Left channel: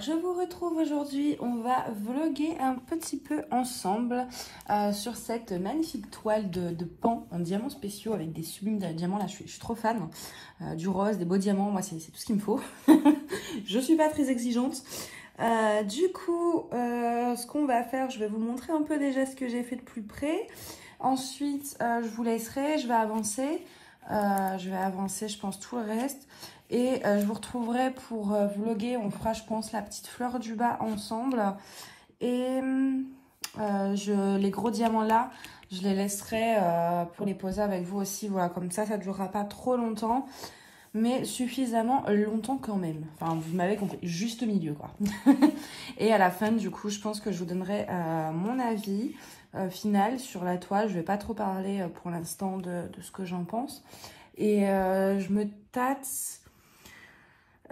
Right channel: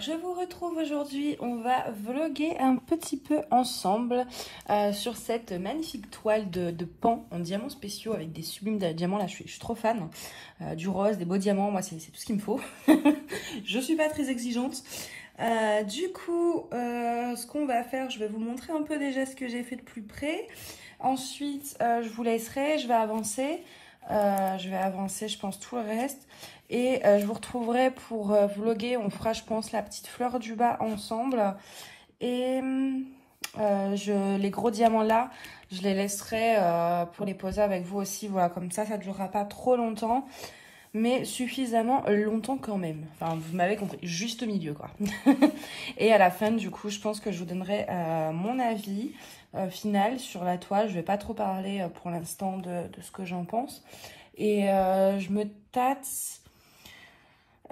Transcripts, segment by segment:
Alors je vous retrouve aujourd'hui, on va vlogger un petit peu ensemble sur cette magnifique toile de pan en diamants spéciaux avec des sublimes diamants. Là je suis trop fan du rose, des beaux diamants, moi c'est tout ce qu'il me faut. Je suis pas très exigeante. Du coup ce qu'on va faire, je vais vous montrer un peu déjà ce que j'ai fait de plus près. Ensuite je vous laisserai, je vais avancer je pense tout le reste. Et je vous retrouverai pour vlogger, on fera je pense la petite fleur du bas ensemble. Et les gros diamants là, je les laisserai pour les poser avec vous aussi. Voilà, comme ça ne durera pas trop longtemps. Mais suffisamment longtemps quand même. Enfin, vous m'avez compris, juste au milieu quoi. Et à la fin du coup, je pense que je vous donnerai mon avis final sur la toile. Je vais pas trop parler pour l'instant de ce que j'en pense. Et je me tâte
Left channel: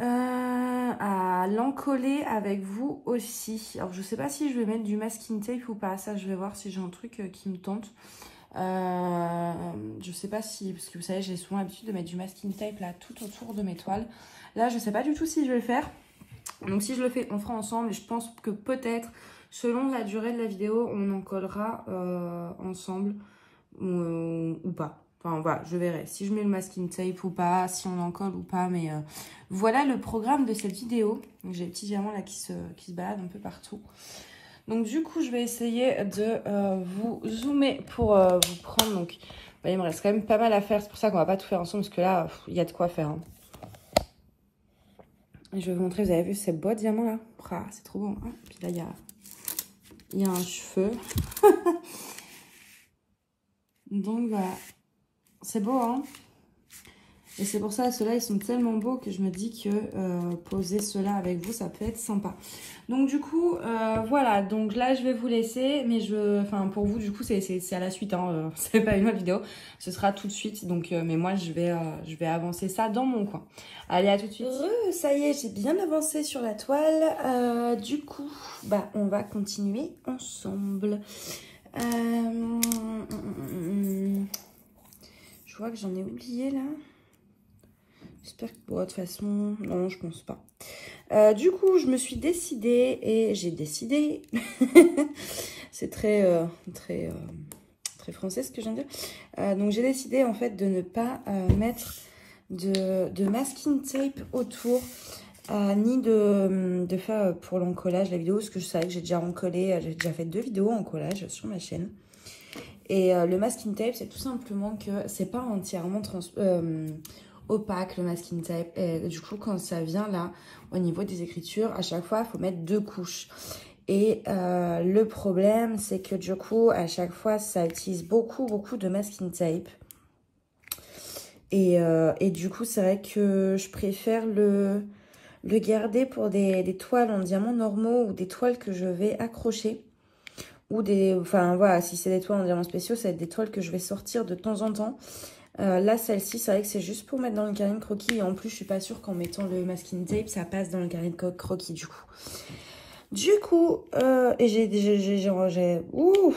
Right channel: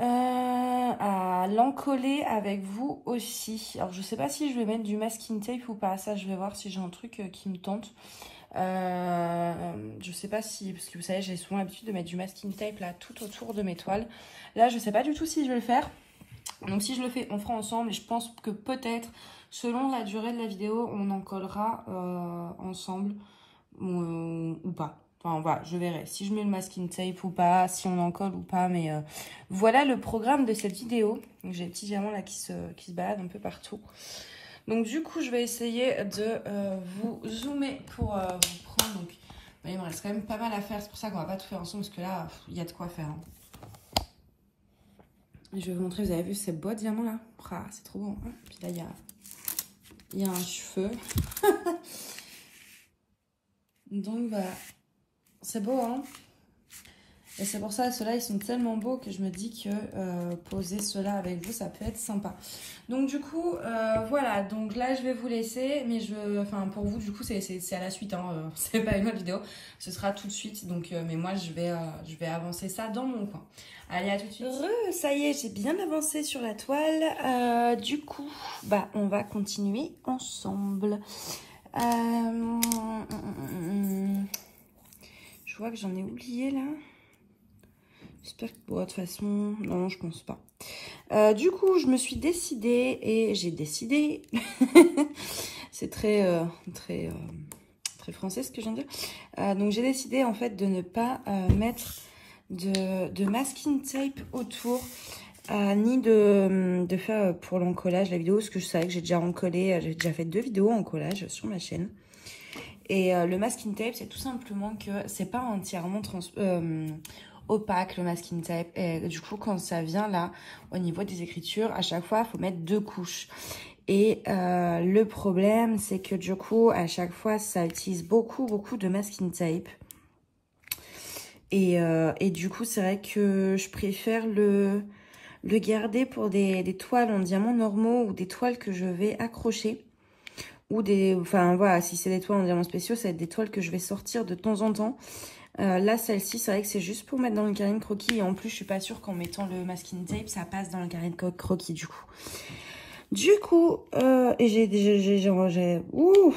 à l'encoller avec vous aussi. Alors je sais pas si je vais mettre du masking tape ou pas. Ça je vais voir si j'ai un truc qui me tente. Je sais pas si, parce que vous savez j'ai souvent l'habitude de mettre du masking tape là tout autour de mes toiles. Là je sais pas du tout si je vais le faire. Donc si je le fais on fera ensemble. Et je pense que peut-être selon la durée de la vidéo on en collera ensemble ou pas. Enfin voilà, je verrai si je mets le masking tape ou pas, si on en colle ou pas. Mais voilà le programme de cette vidéo. J'ai des petits diamants là qui se baladent un peu partout. Donc du coup, je vais essayer de vous zoomer pour vous prendre. Donc bah, il me reste quand même pas mal à faire. C'est pour ça qu'on va pas tout faire ensemble parce que là, il y a de quoi faire. Hein. Et je vais vous montrer, vous avez vu ces beaux diamants là. Ah, c'est trop bon. Hein. Puis là, il y a un cheveu. Donc voilà. C'est beau, hein. Et c'est pour ça, ceux-là, ils sont tellement beaux que je me dis que poser ceux-là avec vous, ça peut être sympa. Donc du coup, voilà. Donc là, je vais vous laisser. Mais enfin, pour vous, du coup, c'est à la suite. Hein, c'est pas une autre vidéo. Ce sera tout de suite. Donc, mais moi, je vais avancer ça dans mon coin. Allez, à tout de suite. Ça y est, j'ai bien avancé sur la toile. Du coup, bah, on va continuer ensemble. Je vois que j'en ai oublié là. J'espère que de toute façon, non, je pense pas. Du coup, je me suis décidée et j'ai décidé. C'est très français ce que je viens de dire. Donc j'ai décidé en fait de ne pas mettre de masking tape autour, ni de faire pour l'encollage la vidéo, parce que je savais que j'ai déjà encollé, j'ai déjà fait 2 vidéos en collage sur ma chaîne. Et le masking tape, c'est tout simplement que c'est pas entièrement opaque le masking tape. Et du coup, quand ça vient là, au niveau des écritures, à chaque fois, il faut mettre 2 couches. Et le problème, c'est que du coup, à chaque fois, ça utilise beaucoup de masking tape. Et du coup, c'est vrai que je préfère le garder pour des toiles en diamants normaux ou des toiles que je vais accrocher. Ou enfin voilà, si c'est des toiles en diamants spéciaux, ça va être des toiles que je vais sortir de temps en temps. Là, celle-ci, c'est vrai que c'est juste pour mettre dans le carnet de croquis. Et en plus, je suis pas sûre qu'en mettant le masking tape, ça passe dans le carnet de croquis du coup. Du coup, et j'ai rangé... Ouh,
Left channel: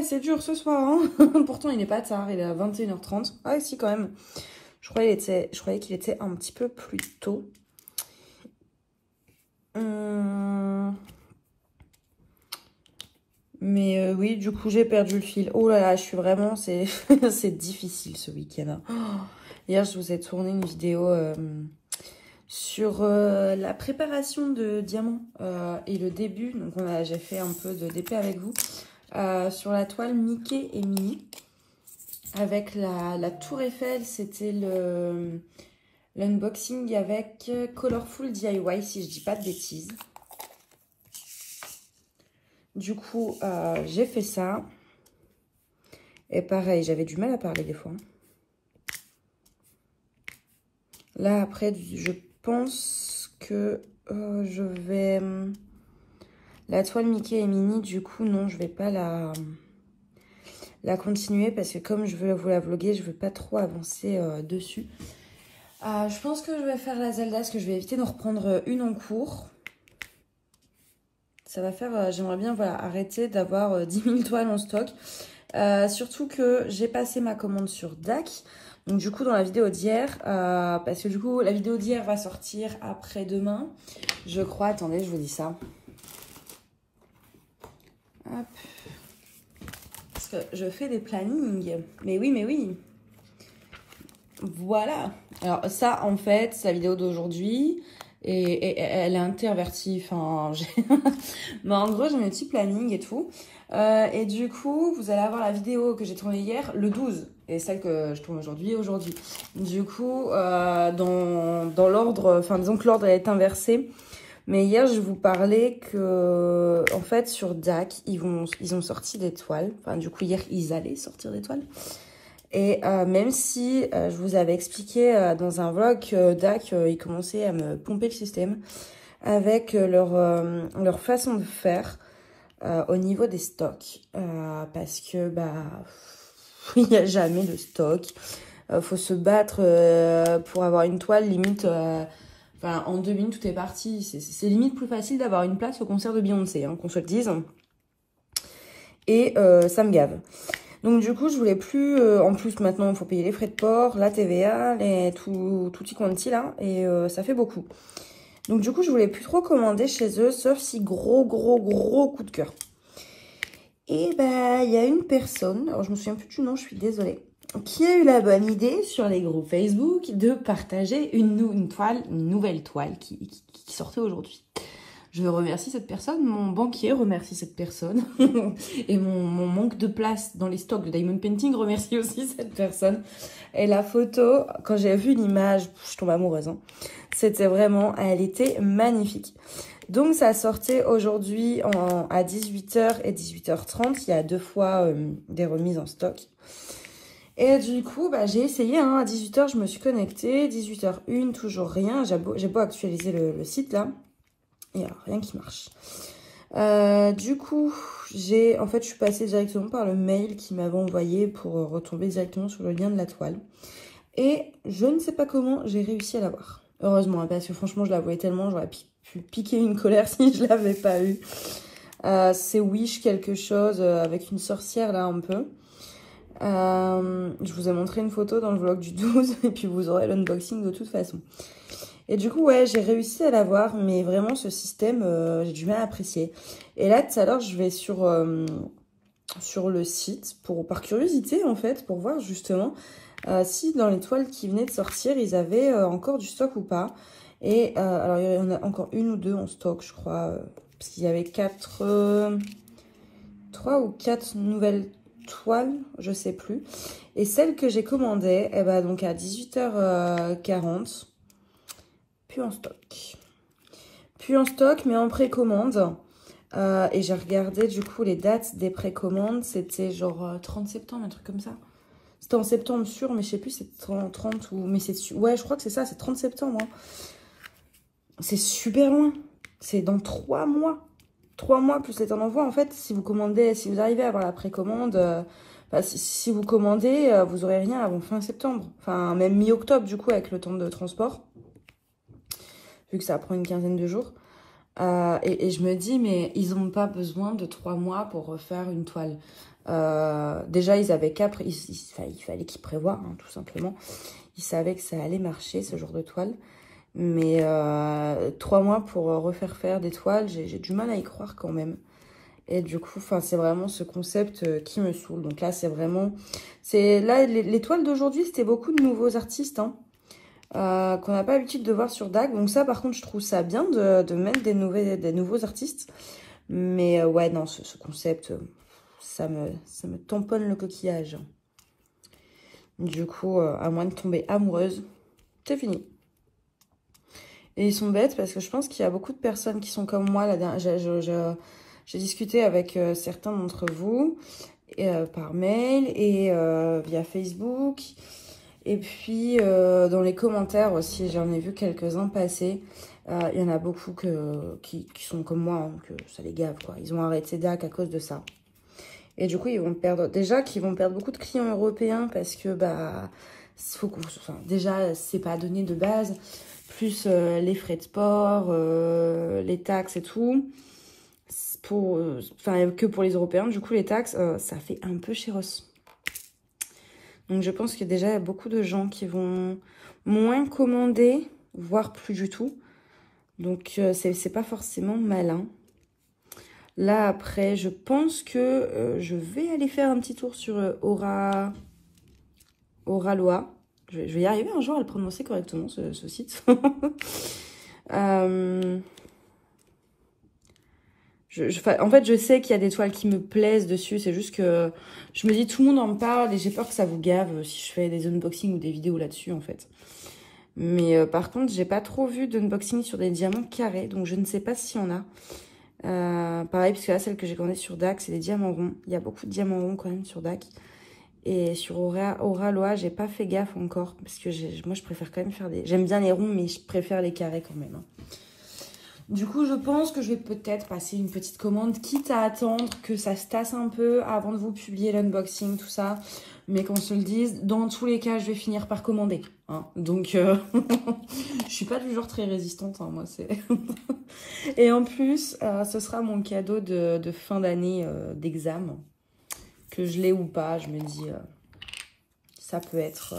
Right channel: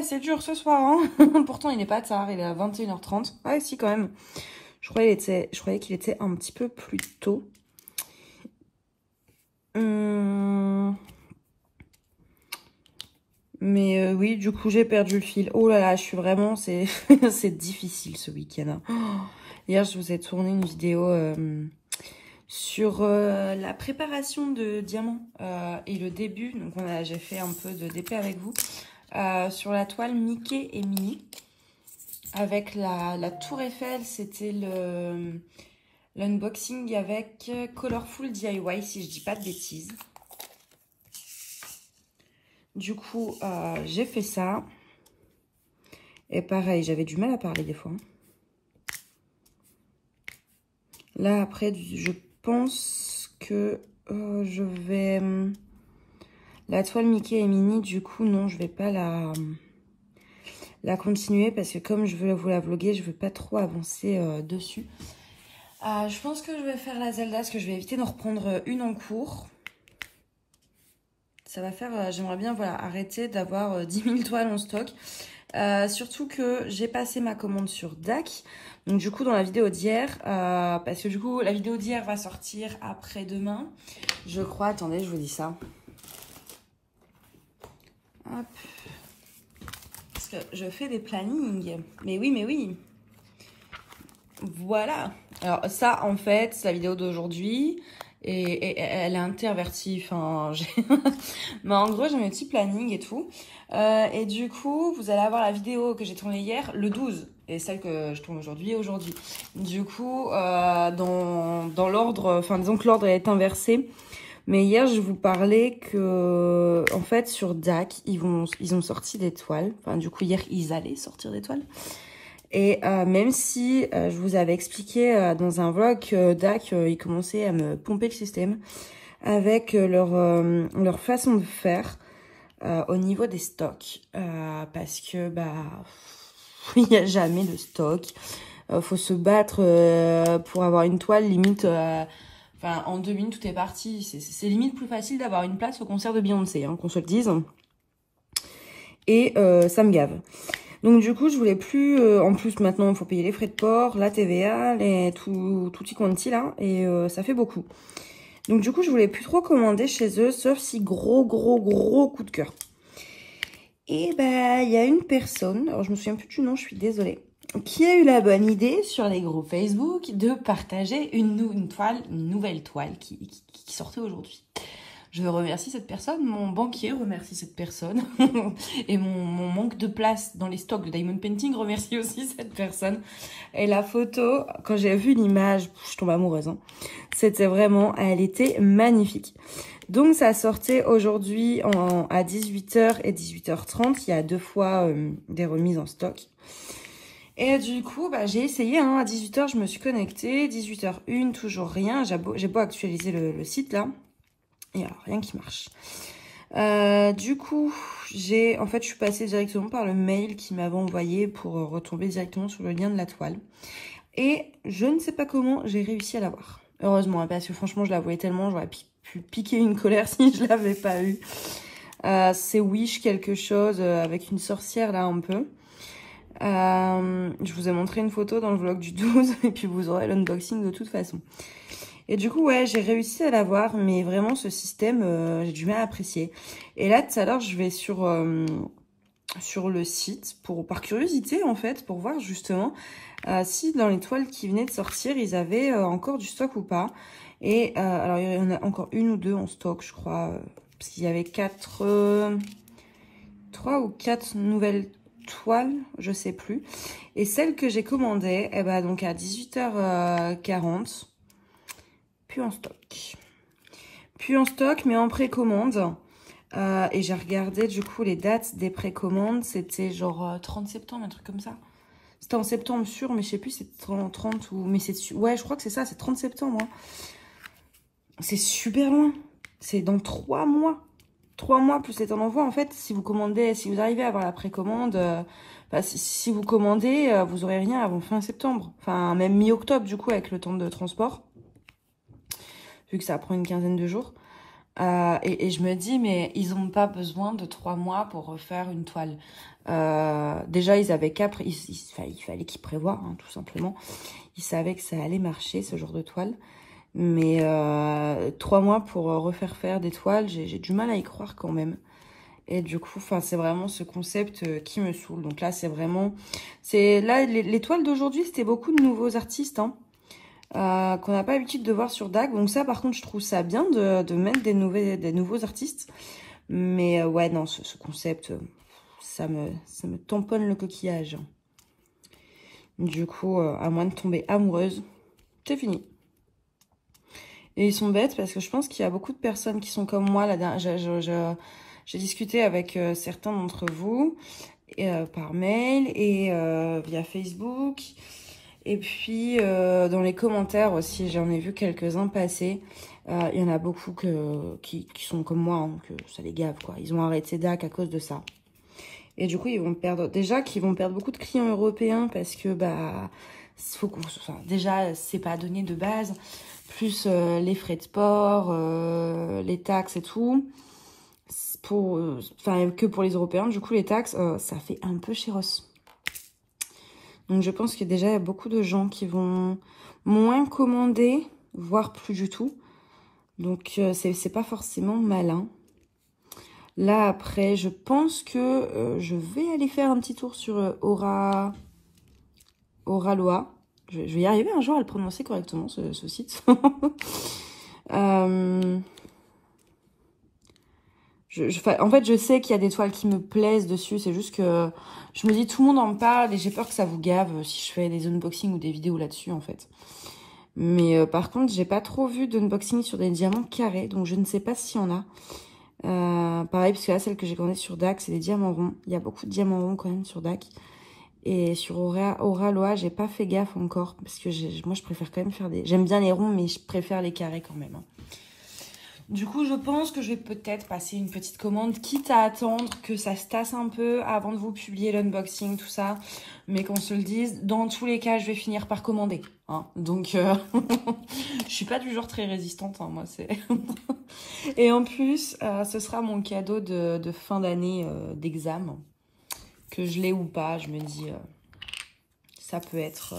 c'est dur ce soir, hein. Pourtant, il n'est pas tard, il est à 21h30. Ouais, si, quand même. Je croyais qu'il était un petit peu plus tôt. Mais oui, du coup, j'ai perdu le fil. Oh là là, je suis vraiment... C'est difficile ce week-end. Oh, hier, je vous ai tourné une vidéo sur la préparation de diamants et le début. Donc, j'ai fait un peu de DP avec vous sur la toile Mickey et Minnie. Avec la Tour Eiffel, c'était l'unboxing avec Colorful DIY, si je dis pas de bêtises. Du coup, j'ai fait ça. Et pareil, j'avais du mal à parler des fois. Là, après, je pense que je vais... La toile Mickey et Minnie, du coup, non, je vais pas la continuer. Parce que comme je veux vous la vlogger, je veux pas trop avancer dessus. Je pense que je vais faire la Zelda, parce que je vais éviter d'en reprendre une en cours. Ça va faire, j'aimerais bien voilà, arrêter d'avoir 10 000 toiles en stock. Surtout que j'ai passé ma commande sur DAC. Donc du coup dans la vidéo d'hier, parce que du coup la vidéo d'hier va sortir après-demain, je crois, attendez je vous dis ça. Hop. Parce que je fais des plannings, mais oui. Voilà. Alors ça en fait c'est la vidéo d'aujourd'hui et elle est intervertie, enfin mais en gros j'ai mes petits plannings et tout. Et du coup vous allez avoir la vidéo que j'ai tournée hier le 12 et celle que je tourne aujourd'hui. Du coup dans l'ordre, enfin disons que l'ordre est inversé. Mais hier, je vous parlais que, en fait, sur DAC, ils ont sorti des toiles. Enfin, du coup, hier, ils allaient sortir des toiles. Et même si je vous avais expliqué dans un vlog que DAC, ils commençaient à me pomper le système avec leur façon de faire au niveau des stocks. Parce que, bah, il n'y a jamais de stock. Faut se battre pour avoir une toile limite... Enfin, en 2 minutes, tout est parti. C'est limite plus facile d'avoir une place au concert de Beyoncé, hein, qu'on se le dise. Et ça me gave. Donc du coup, je voulais plus... en plus, maintenant, il faut payer les frais de port, la TVA, tutti quanti, là. Et ça fait beaucoup. Donc du coup, je voulais plus trop commander chez eux, sauf si gros coup de cœur. Et bah, il y a une personne, alors je me souviens plus du nom, je suis désolée, qui a eu la bonne idée sur les groupes Facebook de partager une nouvelle toile qui sortait aujourd'hui. Je remercie cette personne, mon banquier remercie cette personne et mon manque de place dans les stocks de Diamond Painting remercie aussi cette personne. Et la photo, quand j'ai vu l'image, je tombe amoureuse, hein. C'était vraiment, elle était magnifique. Donc ça sortait aujourd'hui à 18h et 18h30, il y a 2 fois des remises en stock. Et du coup, bah, j'ai essayé, hein, à 18h, je me suis connectée, 18h01, toujours rien. J'ai beau actualiser le site, là, et alors, rien qui marche. Du coup, en fait, je suis passée directement par le mail qu'ils m'avaient envoyé pour retomber directement sur le lien de la toile. Et je ne sais pas comment j'ai réussi à l'avoir. Heureusement, hein, parce que franchement, je la voyais tellement, j'aurais pu piquer une colère si je l'avais pas eu. C'est Wish quelque chose, avec une sorcière, là, un peu. Je vous ai montré une photo dans le vlog du 12 et puis vous aurez l'unboxing de toute façon. Et du coup, ouais, j'ai réussi à l'avoir, mais vraiment ce système, j'ai du mal à apprécier. Et là, tout à l'heure, je vais sur le site par curiosité en fait, pour voir justement si dans les toiles qui venaient de sortir, ils avaient encore du stock ou pas. Et alors, il y en a encore 1 ou 2 en stock, je crois, parce qu'il y avait 3 ou 4 nouvelles toile, je sais plus. Et celle que j'ai commandée, eh ben, donc à 18h40, plus en stock. Plus en stock, mais en précommande. Et j'ai regardé du coup les dates des précommandes, c'était genre 30 septembre, un truc comme ça. C'était en septembre sûr, mais je sais plus si c'est 30 ou... Mais c'est... Ouais, je crois que c'est ça, c'est 30 septembre. Hein. C'est super loin. C'est dans 3 mois. 3 mois plus les temps d'envoi, en fait, si vous commandez, si vous arrivez à avoir la précommande, bah, si vous commandez, vous aurez rien avant fin septembre. Enfin, même mi-octobre, du coup, avec le temps de transport. Vu que ça prend une quinzaine de jours. Et je me dis, mais ils n'ont pas besoin de 3 mois pour refaire une toile. Déjà, ils avaient il fallait qu'ils prévoient, hein, tout simplement. Ils savaient que ça allait marcher, ce genre de toile. Mais 3 mois pour refaire faire des toiles, j'ai du mal à y croire quand même. Et du coup, c'est vraiment ce concept qui me saoule. Donc là, c'est vraiment... Là, les toiles d'aujourd'hui, c'était beaucoup de nouveaux artistes, hein, qu'on n'a pas l'habitude de voir sur DAC. Donc ça, par contre, je trouve ça bien de mettre des nouveaux artistes. Mais ouais, non, ce concept, ça me tamponne le coquillage. Du coup, à moins de tomber amoureuse, c'est fini. Et ils sont bêtes parce que je pense qu'il y a beaucoup de personnes qui sont comme moi. J'ai discuté avec certains d'entre vous par mail et via Facebook. Et puis dans les commentaires aussi, j'en ai vu quelques-uns passer. Il y en a beaucoup qui sont comme moi, hein, que ça les gave, quoi. Ils ont arrêté DAC à cause de ça. Et du coup, ils vont perdre... Déjà qu'ils vont perdre beaucoup de clients européens parce que, bah... déjà, c'est pas donné de base... plus les frais de port, les taxes et tout, que pour les Européens. Du coup, les taxes, ça fait un peu chéros. Donc je pense que déjà il y a beaucoup de gens qui vont moins commander, voire plus du tout. Donc c'est pas forcément malin. Là après, je pense que je vais aller faire un petit tour sur Oralois. Je vais y arriver un jour à le prononcer correctement, ce site. En fait, je sais qu'il y a des toiles qui me plaisent dessus. C'est juste que je me dis, tout le monde en parle et j'ai peur que ça vous gave si je fais des unboxings ou des vidéos là-dessus, en fait. Mais par contre, j'ai pas trop vu d'unboxing sur des diamants carrés. Donc, je ne sais pas s'il y en a. Pareil, parce que là, celle que j'ai commandée sur DAC, c'est des diamants ronds. Il y a beaucoup de diamants ronds quand même sur DAC. Et sur Oralois, j'ai pas fait gaffe encore. Parce que moi, je préfère quand même faire des... J'aime bien les ronds, mais je préfère les carrés quand même. Hein. Du coup, je pense que je vais peut-être passer une petite commande, quitte à attendre que ça se tasse un peu avant de vous publier l'unboxing, tout ça. Mais qu'on se le dise, dans tous les cas, je vais finir par commander. Hein. Donc, je suis pas du genre très résistante, hein, moi, c'est... Et en plus, ce sera mon cadeau de fin d'année d'examen. Que je l'ai ou pas, je me dis, ça peut être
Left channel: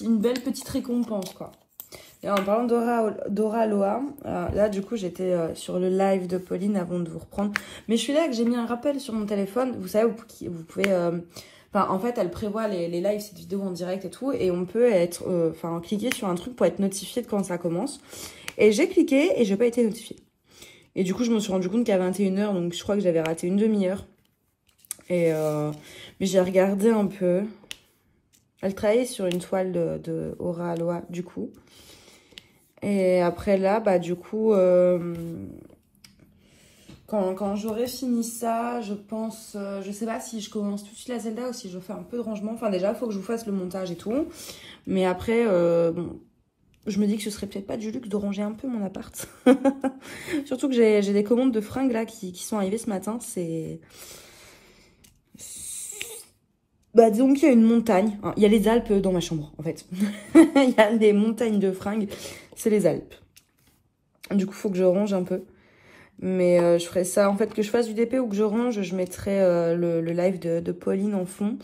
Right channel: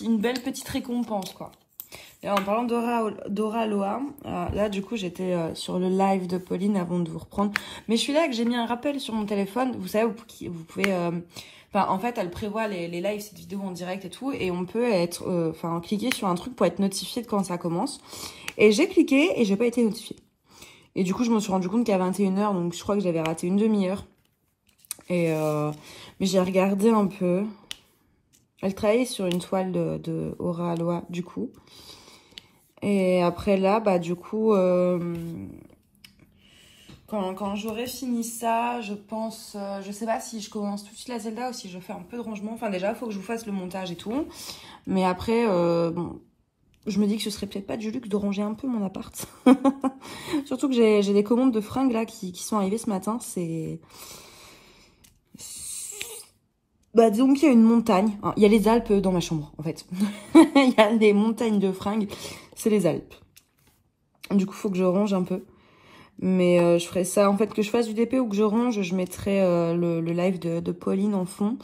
une belle petite récompense, quoi. Et en parlant d'Oralois, là, du coup, j'étais sur le live de Pauline avant de vous reprendre. Mais je suis là que j'ai mis un rappel sur mon téléphone. Vous savez, vous pouvez... en fait, elle prévoit les lives, cette vidéo en direct et tout. Et on peut cliquer sur un truc pour être notifié de quand ça commence. Et j'ai cliqué et j'ai pas été notifiée. Et du coup, je me suis rendu compte qu'à 21 h, donc je crois que j'avais raté une demi-heure. Et mais j'ai regardé un peu. Elle travaillait sur une toile de Oralois, du coup. Et après là, bah du coup, quand j'aurai fini ça, je pense, je sais pas si je commence tout de suite la Zelda ou si je fais un peu de rangement. Enfin déjà, il faut que je vous fasse le montage et tout. Mais après, bon, je me dis que ce serait peut-être pas du luxe de ranger un peu mon appart. Surtout que j'ai des commandes de fringues là qui sont arrivées ce matin. C'est... Bah disons qu'il y a une montagne. Il y a les Alpes dans ma chambre en fait. Il y a des montagnes de fringues. C'est les Alpes. Du coup, il faut que je range un peu. Mais je ferai ça, en fait, que je fasse du DP ou que je range, je mettrai le live de Pauline en fond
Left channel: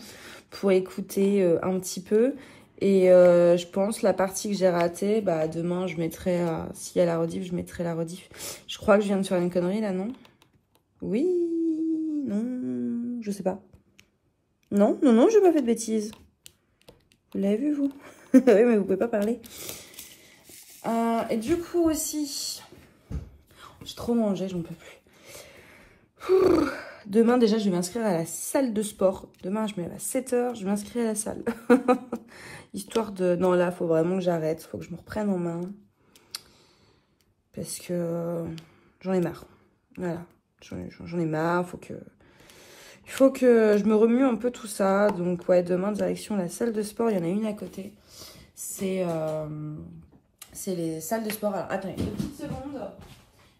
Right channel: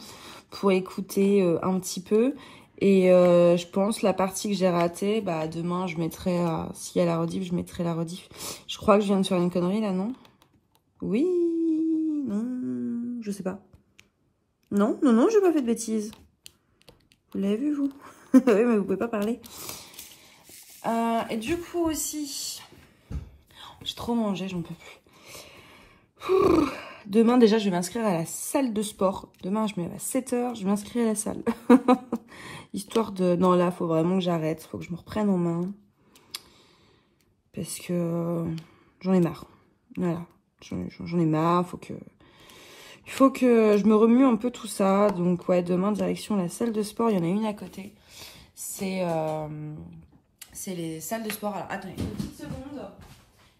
pour écouter un petit peu. Et je pense la partie que j'ai ratée, bah demain je mettrai, s'il y a la rediff, je mettrai la rediff. Je crois que je viens de faire une connerie là, non? Oui, non, je sais pas. Non, j'ai pas fait de bêtises. Vous l'avez vu, vous? Oui, mais vous pouvez pas parler. Et du coup aussi, j'ai trop mangé, j'en peux plus. Demain déjà, je vais m'inscrire à la salle de sport. Demain, je me lève à 7 h, je m'inscris à la salle. Histoire de... Non, là, il faut vraiment que j'arrête. Il faut que je me reprenne en main. Parce que j'en ai marre. Voilà. J'en ai marre. Il faut que je me remue un peu tout ça. Donc, ouais, demain, direction la salle de sport. Il y en a une à côté. C'est les salles de sport. Alors, attendez, une petite seconde.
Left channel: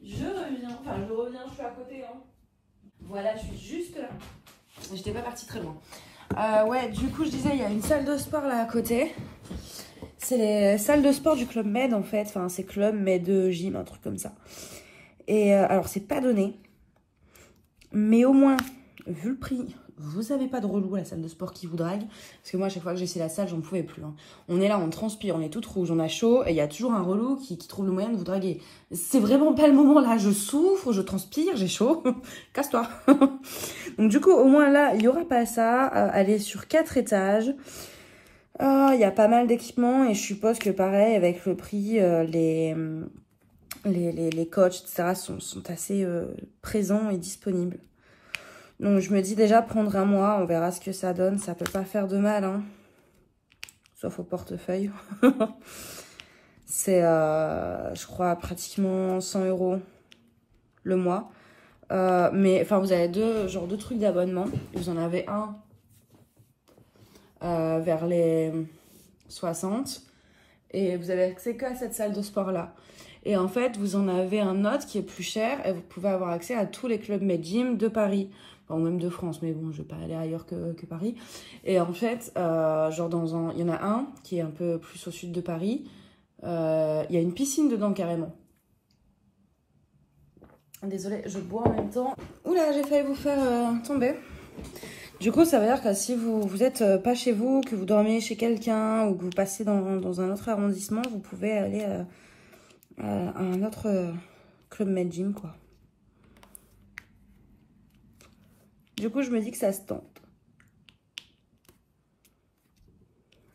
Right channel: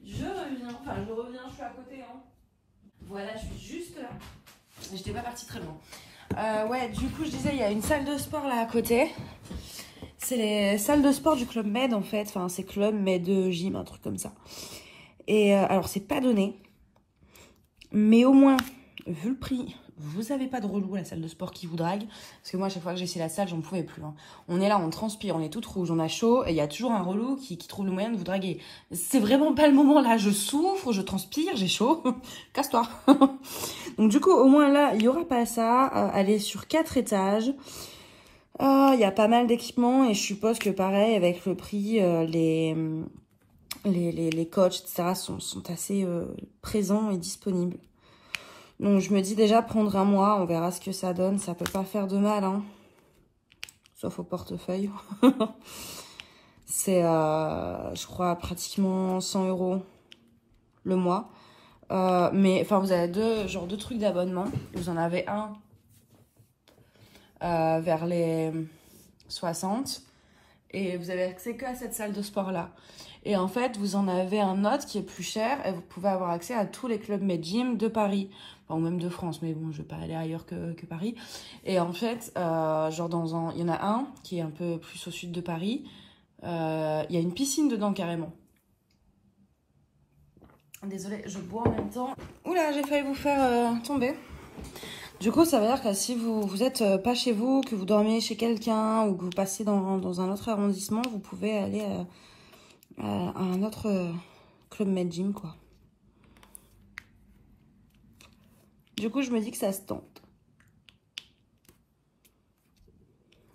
Je reviens. Enfin, je suis à côté. Hein. Voilà, je suis juste là. J'étais pas partie très loin. Ouais, du coup, je disais, il y a une salle de sport là à côté. C'est les salles de sport du Club Med, en fait. Enfin, c'est Club Med Gym, un truc comme ça. Et alors, c'est pas donné. Mais au moins, vu le prix, vous avez pas de relou à la salle de sport qui vous drague. Parce que moi, à chaque fois que j'ai essayé la salle, j'en pouvais plus. Hein. On est là, on transpire, on est toute rouge, on a chaud. Et il y a toujours un relou qui trouve le moyen de vous draguer. C'est vraiment pas le moment là. Je souffre, je transpire, j'ai chaud. Casse-toi. Donc du coup, au moins là, il n'y aura pas ça. Elle est sur 4 étages. Il y a pas mal d'équipements. Et je suppose que pareil, avec le prix, les coachs, etc. sont assez présents et disponibles. Donc je me dis déjà prendre un mois, on verra ce que ça donne. Ça peut pas faire de mal, hein. Sauf au portefeuille. C'est, je crois, pratiquement 100 € le mois. Mais enfin, vous avez deux trucs d'abonnement. Vous en avez un vers les 60. Et vous avez accès qu'à cette salle de sport-là. Et en fait, vous en avez un autre qui est plus cher. Et vous pouvez avoir accès à tous les clubs Med Gym de Paris. Enfin, ou même de France. Mais bon, je vais pas aller ailleurs que Paris. Et en fait, genre il y en a un qui est un peu plus au sud de Paris. Il y a une piscine dedans carrément. Désolée, je bois en même temps. Oula, j'ai failli vous faire tomber. Du coup, ça veut dire que si vous êtes pas chez vous, que vous dormez chez quelqu'un ou que vous passez dans un autre arrondissement, vous pouvez aller à un autre Club Med Gym, quoi. Du coup, je me dis que ça se tente.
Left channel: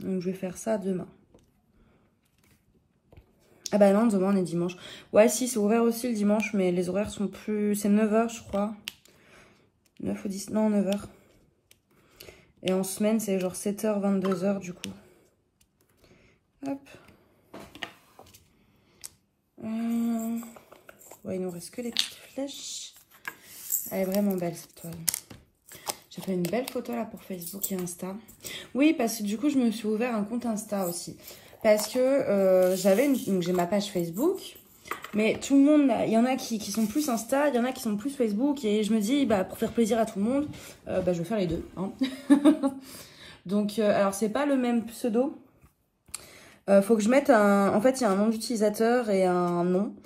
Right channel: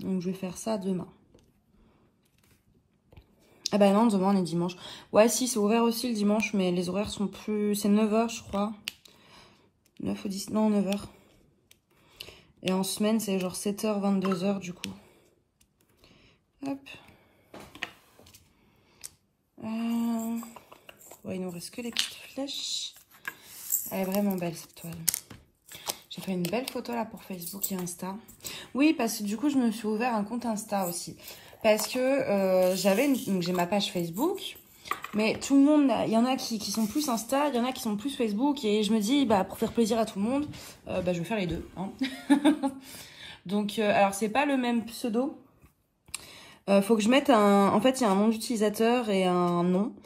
Donc, je vais faire ça demain. Ah bah non, demain on est dimanche. Ouais, si, c'est ouvert aussi le dimanche, mais les horaires sont plus... C'est 9h, je crois. 9 ou 10... Non, 9h. Et en semaine, c'est genre 7h, 22h, du coup. Hop. Ouais, il nous reste que les petites flèches. Elle est vraiment belle, cette toile. J'ai fait une belle photo, là, pour Facebook et Insta. Oui, parce que du coup, je me suis ouvert un compte Insta aussi. Parce que donc j'ai ma page Facebook, mais tout le monde, il y en a qui sont plus Insta, il y en a qui sont plus Facebook, et je me dis, bah, pour faire plaisir à tout le monde, bah, je vais faire les deux. Hein. Donc, alors c'est pas le même pseudo. Faut que je mette un... En fait, il y a un nom d'utilisateur et un nom.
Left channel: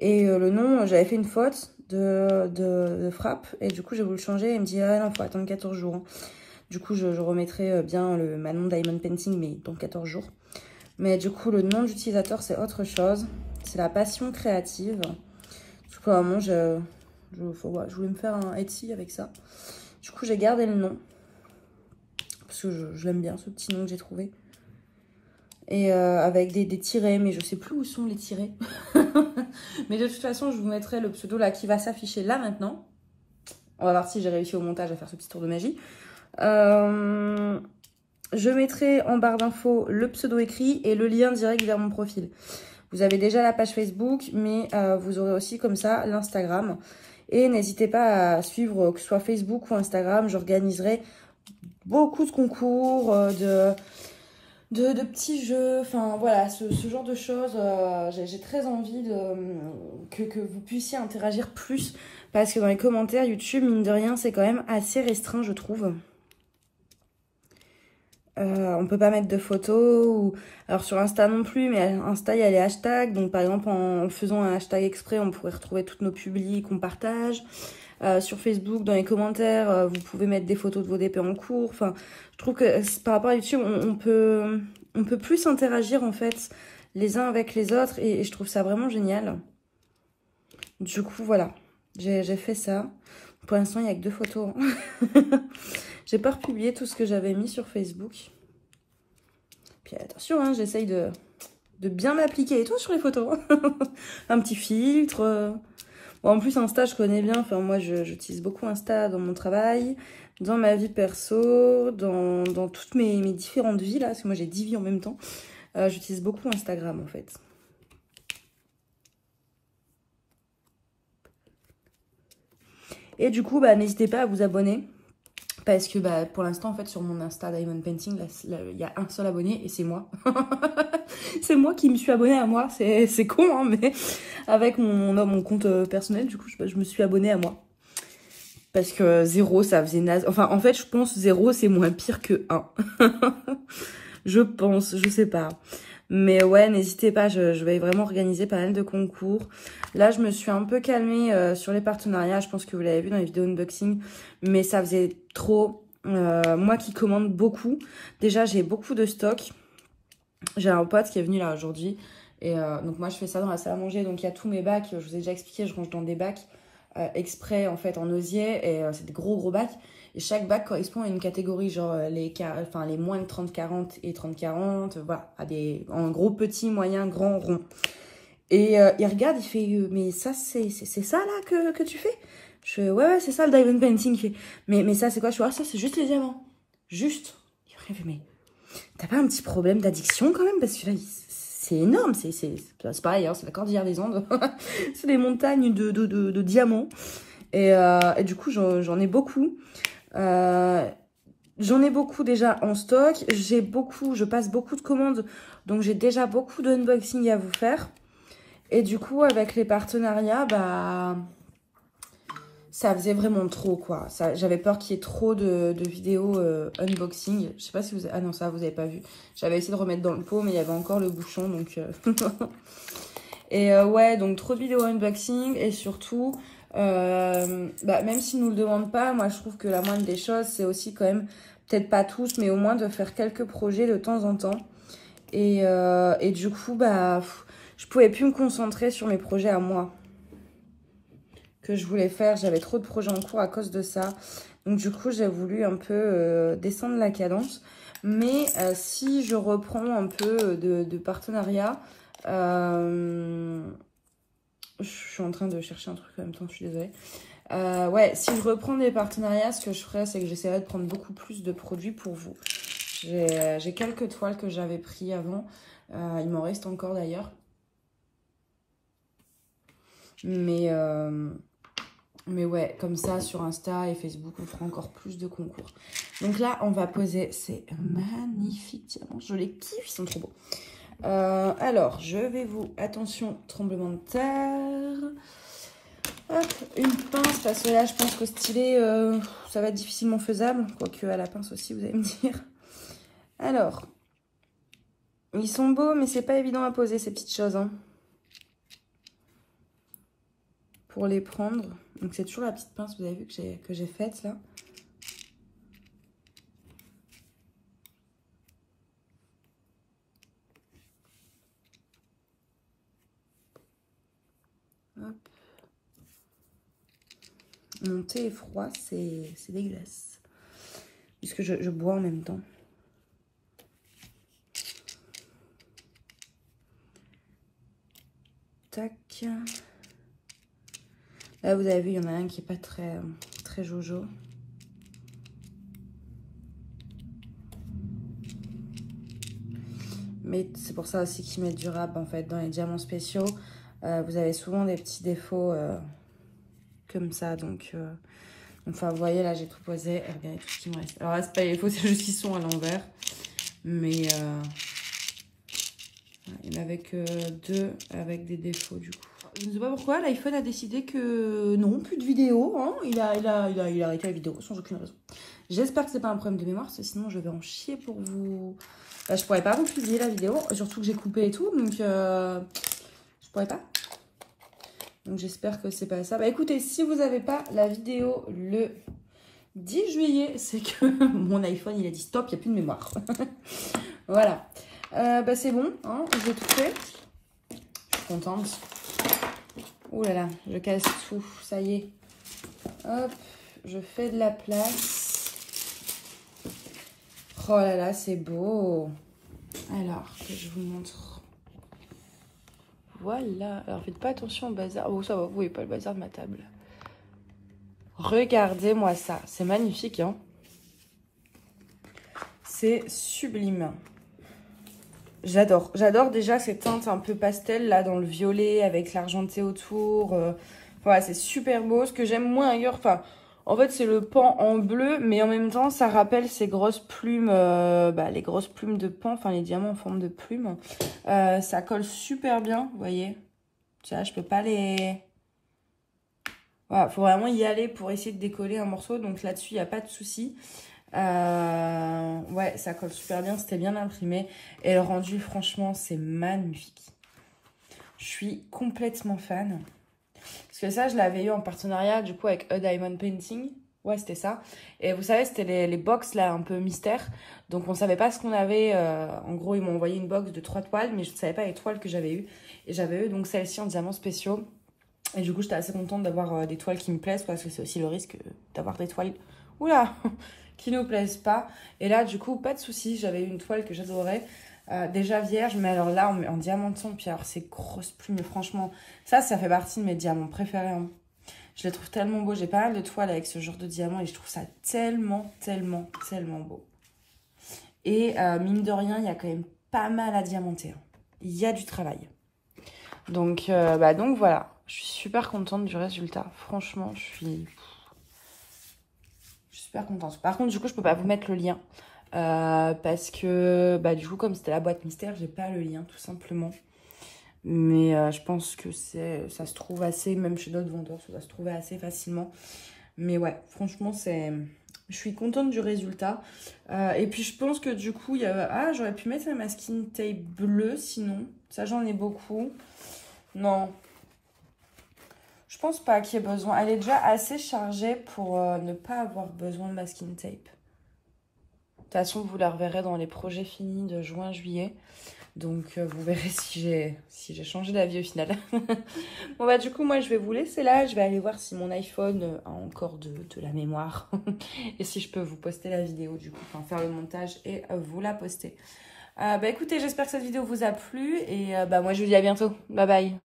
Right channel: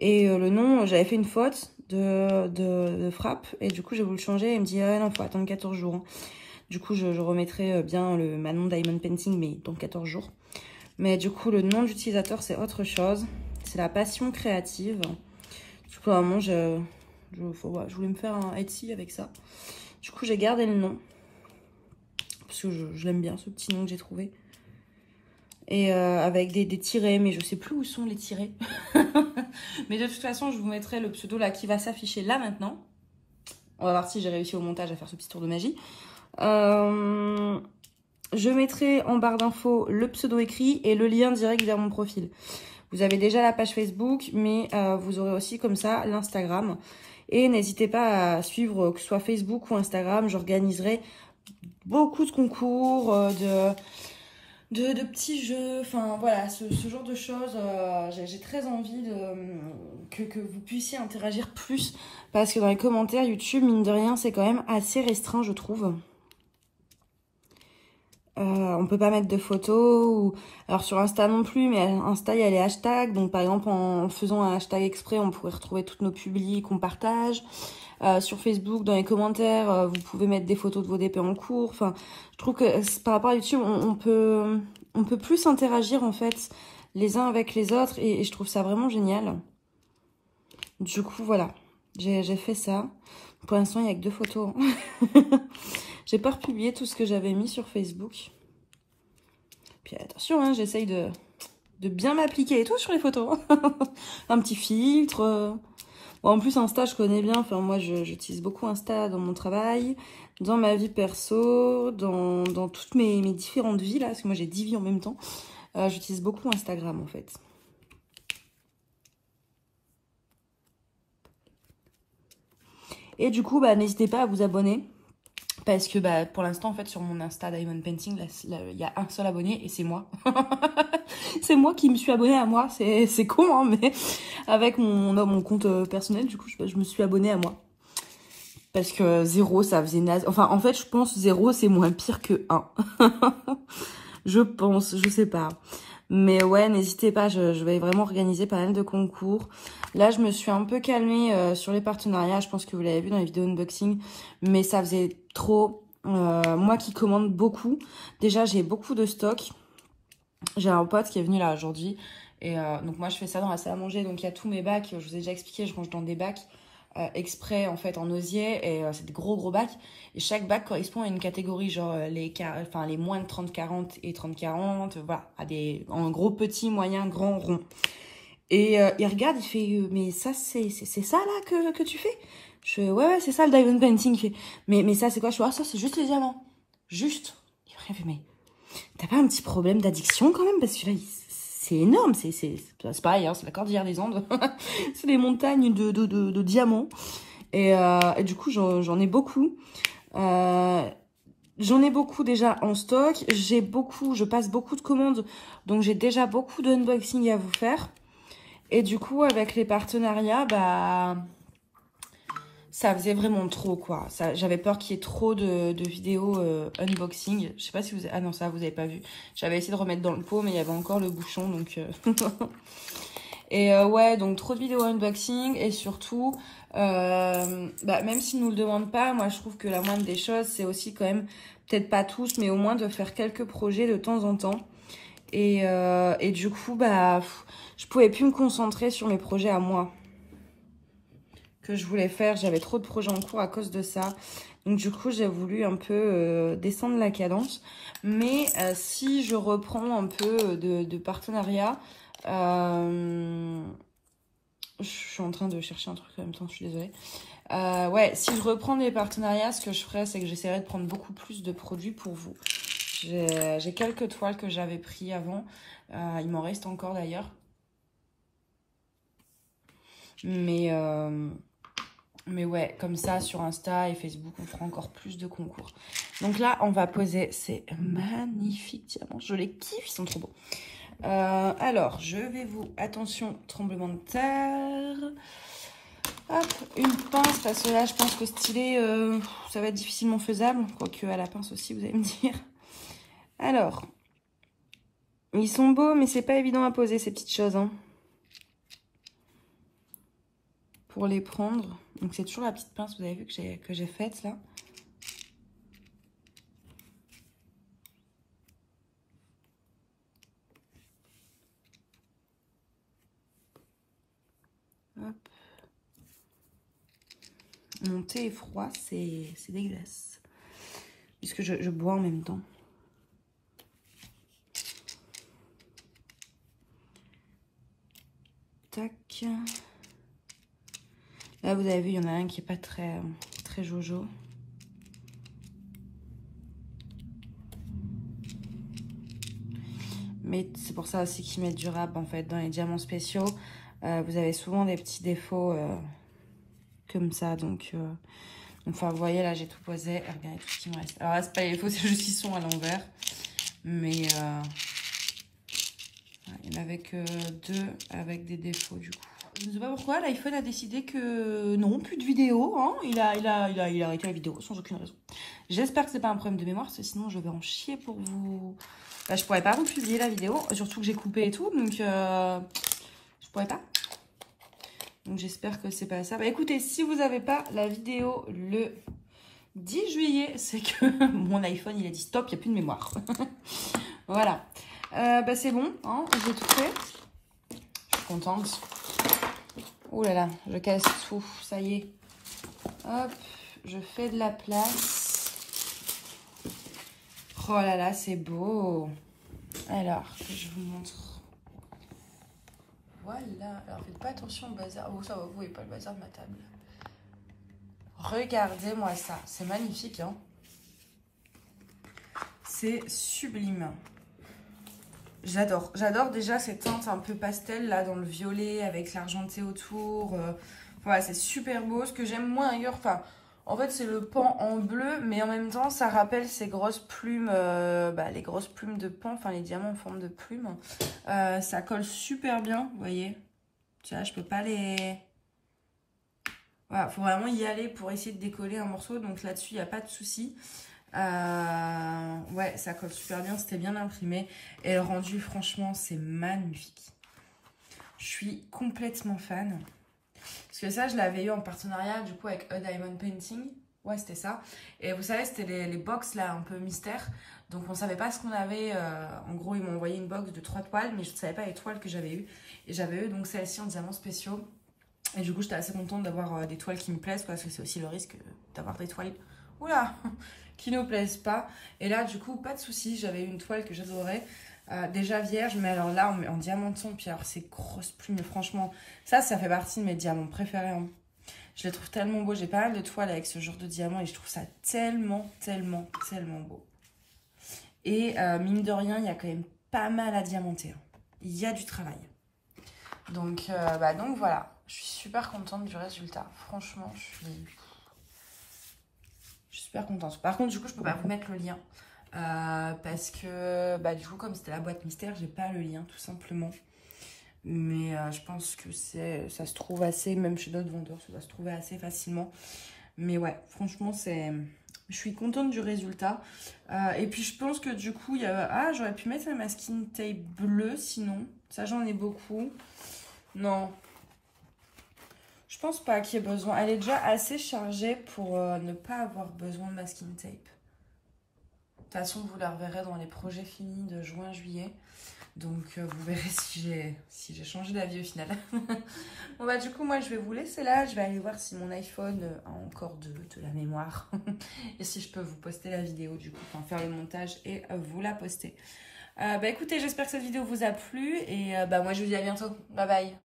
Et le nom, j'avais fait une faute de frappe, et du coup, j'ai voulu le changer, et il me dit, ah non, faut attendre 14 jours. Hein. Du coup, je remettrai bien le Manon Diamond Painting, mais dans 14 jours. Mais du coup, le nom d'utilisateur, c'est autre chose. C'est la passion créative. Du coup, à un moment, je voulais me faire un Etsy avec ça. Du coup, j'ai gardé le nom. Parce que je l'aime bien, ce petit nom que j'ai trouvé. Et avec des tirets, mais je sais plus où sont les tirets. Mais de toute façon, je vous mettrai le pseudo là qui va s'afficher là maintenant. On va voir si j'ai réussi au montage à faire ce petit tour de magie. Je mettrai en barre d'infos le pseudo écrit et le lien direct vers mon profil. Vous avez déjà la page Facebook, mais vous aurez aussi comme ça l'Instagram. Et n'hésitez pas à suivre, que ce soit Facebook ou Instagram. J'organiserai beaucoup de concours, de petits jeux. Enfin voilà, ce genre de choses. J'ai très envie que vous puissiez interagir plus. Parce que dans les commentaires YouTube, mine de rien, c'est quand même assez restreint, je trouve. On peut pas mettre de photos, ou alors sur Insta non plus, mais Insta il y a les hashtags, donc par exemple en faisant un hashtag exprès on pourrait retrouver toutes nos publics qu'on partage. Sur Facebook, dans les commentaires, vous pouvez mettre des photos de vos DP en cours. Enfin, je trouve que par rapport à YouTube, on peut plus interagir en fait les uns avec les autres, et je trouve ça vraiment génial. Du coup voilà, j'ai fait ça. Pour l'instant il n'y a que 2 photos. J'ai pas republié tout ce que j'avais mis sur Facebook. Puis attention, hein, j'essaye de bien m'appliquer et tout sur les photos. Un petit filtre. Bon, en plus, Insta, je connais bien. Enfin, moi, j'utilise beaucoup Insta dans mon travail, dans ma vie perso, dans toutes mes différentes vies, là. Parce que moi, j'ai 10 vies en même temps. J'utilise beaucoup Instagram, en fait. Et du coup, bah, n'hésitez pas à vous abonner. Parce que bah, pour l'instant, en fait, sur mon Insta Diamond Painting, il y a un seul abonné et c'est moi. C'est moi qui me suis abonnée à moi. C'est con, hein, mais avec mon compte personnel, du coup, je me suis abonnée à moi. Parce que 0, ça faisait naze. Enfin, en fait, je pense 0, c'est moins pire que 1. Je pense, je sais pas. Mais ouais, n'hésitez pas, je vais vraiment organiser pas mal de concours. Là, je me suis un peu calmée sur les partenariats. Je pense que vous l'avez vu dans les vidéos unboxing. Mais ça faisait trop. Moi qui commande beaucoup. Déjà, j'ai beaucoup de stock. J'ai un pote qui est venu là aujourd'hui. Et donc moi, je fais ça dans la salle à manger. Donc il y a tous mes bacs. Je vous ai déjà expliqué, je range dans des bacs exprès en fait en osier. Et c'est des gros bacs. Et chaque bac correspond à une catégorie, genre les moins de 30-40 et 30-40, voilà, en gros, petit, moyen, grand, rond. Et il regarde, il fait, mais ça, c'est ça là que tu fais? Je fais, ouais, c'est ça le diamond painting. Il fait, mais ça, c'est quoi? Je fais, ah, ça, c'est juste les diamants. Juste. Il fait, mais t'as pas un petit problème d'addiction quand même? Parce que là, c'est énorme, c'est pareil, hein, c'est la cordillère des Andes. C'est des montagnes de diamants. Et du coup, j'en ai beaucoup. J'en ai beaucoup déjà en stock. Je passe beaucoup de commandes. Donc, j'ai déjà beaucoup d'unboxing à vous faire. Et du coup, avec les partenariats, bah, ça faisait vraiment trop, quoi. J'avais peur qu'il y ait trop de vidéos unboxing. Je sais pas si vous... Ah non, ça, vous avez pas vu. J'avais essayé de remettre dans le pot, mais il y avait encore le bouchon, donc... Et ouais, donc trop de vidéos unboxing. Et surtout, Même s'ils ne nous le demandent pas, moi je trouve que la moindre des choses, c'est aussi quand même, peut-être pas tous, mais au moins de faire quelques projets de temps en temps. Et du coup, je pouvais plus me concentrer sur mes projets à moi que je voulais faire. J'avais trop de projets en cours à cause de ça. Donc du coup, j'ai voulu un peu descendre la cadence. Mais si je reprends un peu de partenariat, je suis en train de chercher un truc en même temps, je suis désolée. Ouais, si je reprends des partenariats, ce que je ferais, c'est que j'essaierais de prendre beaucoup plus de produits pour vous. J'ai quelques toiles que j'avais pris avant. Il m'en reste encore d'ailleurs. Mais ouais, comme ça, sur Insta et Facebook, on fera encore plus de concours. Donc là, on va poser ces magnifiques diamants. Je les kiffe, ils sont trop beaux. Alors, je vais vous... Attention, tremblement de terre. Hop, une pince, parce que là, je pense que styler, ça va être difficilement faisable. Quoique à la pince aussi, vous allez me dire. Alors, ils sont beaux, mais c'est pas évident à poser, ces petites choses, hein. Pour les prendre. Donc, c'est toujours la petite pince, vous avez vu, que j'ai faite, là. Hop. Mon thé est froid, c'est dégueulasse. Puisque je bois en même temps. Tac. Là, vous avez vu, il y en a un qui est pas très jojo. Mais c'est pour ça aussi qu'ils mettent du rap, en fait, dans les diamants spéciaux. Vous avez souvent des petits défauts comme ça, donc... Enfin, vous voyez, là, j'ai tout posé. Et regardez tout ce qui me reste. Alors là, c'est pas les défauts, c'est juste qu'ils sont à l'envers. Mais il n'y en avait que 2 avec des défauts, du coup. Je ne sais pas pourquoi, l'iPhone a décidé que non, plus de vidéos. Hein. Il a arrêté la vidéo sans aucune raison. J'espère que c'est pas un problème de mémoire, parce que sinon je vais en chier pour vous... je pourrais pas vous publier la vidéo, surtout que j'ai coupé et tout, donc je pourrais pas. Donc j'espère que c'est pas ça. Écoutez, si vous n'avez pas la vidéo le 10 juillet, c'est que mon iPhone il a dit stop, il n'y a plus de mémoire. Voilà. C'est bon, hein, j'ai tout fait. Je suis contente. Ouh là là, je casse tout, ça y est. Hop, je fais de la place. Oh là là, c'est beau. Alors, que je vous montre. Voilà. Alors, faites pas attention au bazar. Oh, ça va, vous voyez pas le bazar de ma table. Regardez-moi ça. C'est magnifique, hein. C'est sublime. J'adore. J'adore déjà ces teintes un peu pastel, là, dans le violet, avec l'argenté autour. Voilà, c'est super beau. Ce que j'aime moins ailleurs, enfin, en fait, c'est le pan en bleu, mais en même temps, ça rappelle ces grosses plumes, les grosses plumes de pan, enfin, les diamants en forme de plumes. Ça colle super bien, vous voyez. Tu vois, je peux pas les... Voilà, faut vraiment y aller pour essayer de décoller un morceau, donc là-dessus, il n'y a pas de souci. Ouais, ça colle super bien, c'était bien imprimé. Et le rendu, franchement, c'est magnifique. Je suis complètement fan. Parce que ça, je l'avais eu en partenariat, du coup, avec A Diamond Painting. Ouais, c'était ça. Et vous savez, c'était les box, là, un peu mystère. Donc, on savait pas ce qu'on avait. En gros, ils m'ont envoyé une box de 3 toiles, mais je ne savais pas les toiles que j'avais eues. Et j'avais eu, donc, celle-ci en diamants spéciaux. Et du coup, j'étais assez contente d'avoir des toiles qui me plaisent, parce que c'est aussi le risque d'avoir des toiles... Oula qui ne plaisent pas. Et là, du coup, pas de souci. J'avais eu une toile que j'adorais. Déjà vierge, mais alors là, en diamanton. Puis alors, ces grosses plumes, franchement, ça fait partie de mes diamants préférés. Hein. Je les trouve tellement beaux. J'ai pas mal de toiles avec ce genre de diamants et je trouve ça tellement, tellement, tellement beau. Et mine de rien, il y a quand même pas mal à diamanter. Hein. Il y a du travail. Donc, donc voilà. Je suis super contente du résultat. Franchement, je suis super contente. Par contre, du coup, je peux pas vous mettre le lien. Parce que, du coup, comme c'était la boîte mystère, j'ai pas le lien, tout simplement. Mais je pense que ça se trouve assez, même chez d'autres vendeurs, ça doit se trouver assez facilement. Mais ouais, franchement, je suis contente du résultat. Et puis, je pense que du coup, il y a... Ah, j'aurais pu mettre ma skin tape bleue, sinon. Ça, j'en ai beaucoup. Non. Je pense pas qu'il y ait besoin. Elle est déjà assez chargée pour ne pas avoir besoin de masking tape. De toute façon, vous la reverrez dans les projets finis de juin-juillet. Donc, vous verrez si j'ai changé d'avis au final. Bon, bah, du coup, moi, je vais vous laisser là. Je vais aller voir si mon iPhone a encore de la mémoire. Et si je peux vous poster la vidéo, du coup. Enfin, faire le montage et vous la poster. Bah, écoutez, j'espère que cette vidéo vous a plu. Et bah, moi, je vous dis à bientôt. Bye bye.